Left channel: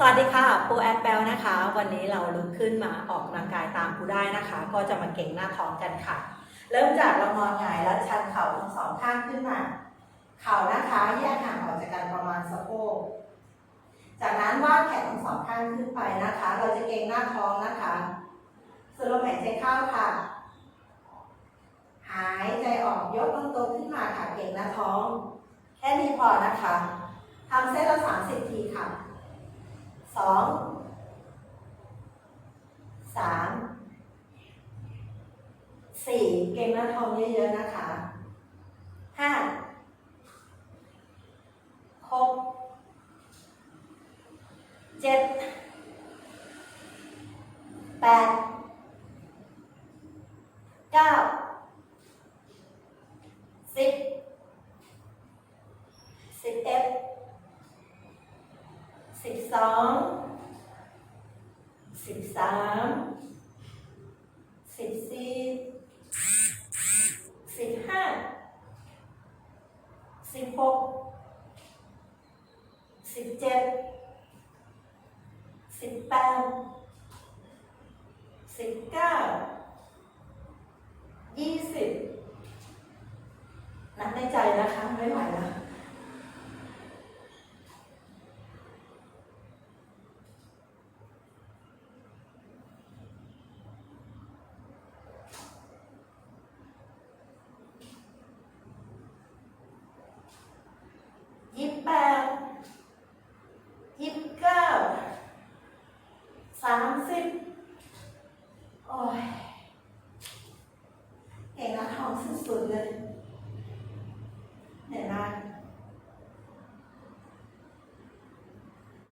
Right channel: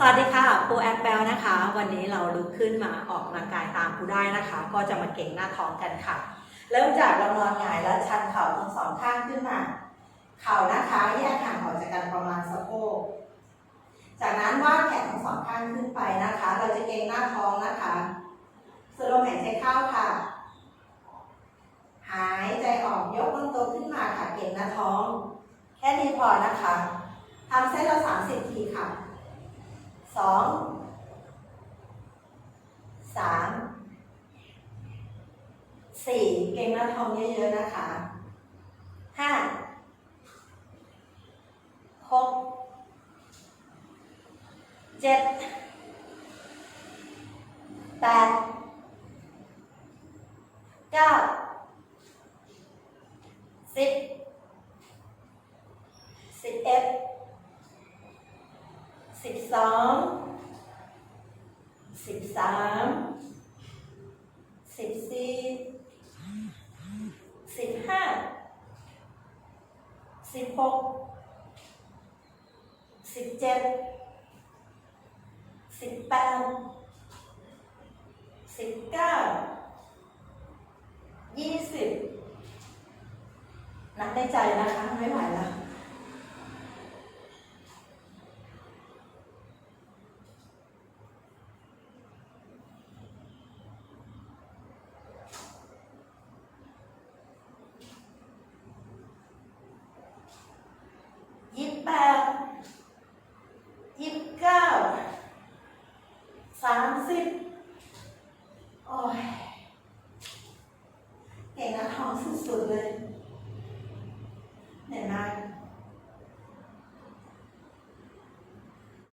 สวัสดีค่ะปูแอปเปิลนะคะ วันนี้เราลุกขึ้นมาออกกำลังกายตามปูได้นะคะ ก็จะมาเก่งหน้าท้องกันค่ะ เริ่มจากเรานอนหงายแล้วชันเข่าทั้งสองข้างขึ้นมา เข่านะคะแยกห่างออกจากกันประมาณสะโพกจากนั้นวาดแขนทั้งสองข้างขึ้นไปนะคะ เราจะเก่งหน้าท้องนะคะสูดลมหายใจเข้าค่ะ หายใจออกยกลำตัวขึ้นมาค่ะเก่งหน้าท้อง แค่นี้พอนะคะทำเส้นละสามสิบทีค่ะ สองสามสี่เก่งหน้าท้องเยอะๆนะคะห้าหกเจ็ดแปดเก้าสิบสิบเอ็ด สิบสองสิบสามสิบสี่สิบห้าสิบหกสิบเจ็ดสิบแปดสิบเก้ายี่สิบนับในใจนะคะไม่ไหวแล้ว So.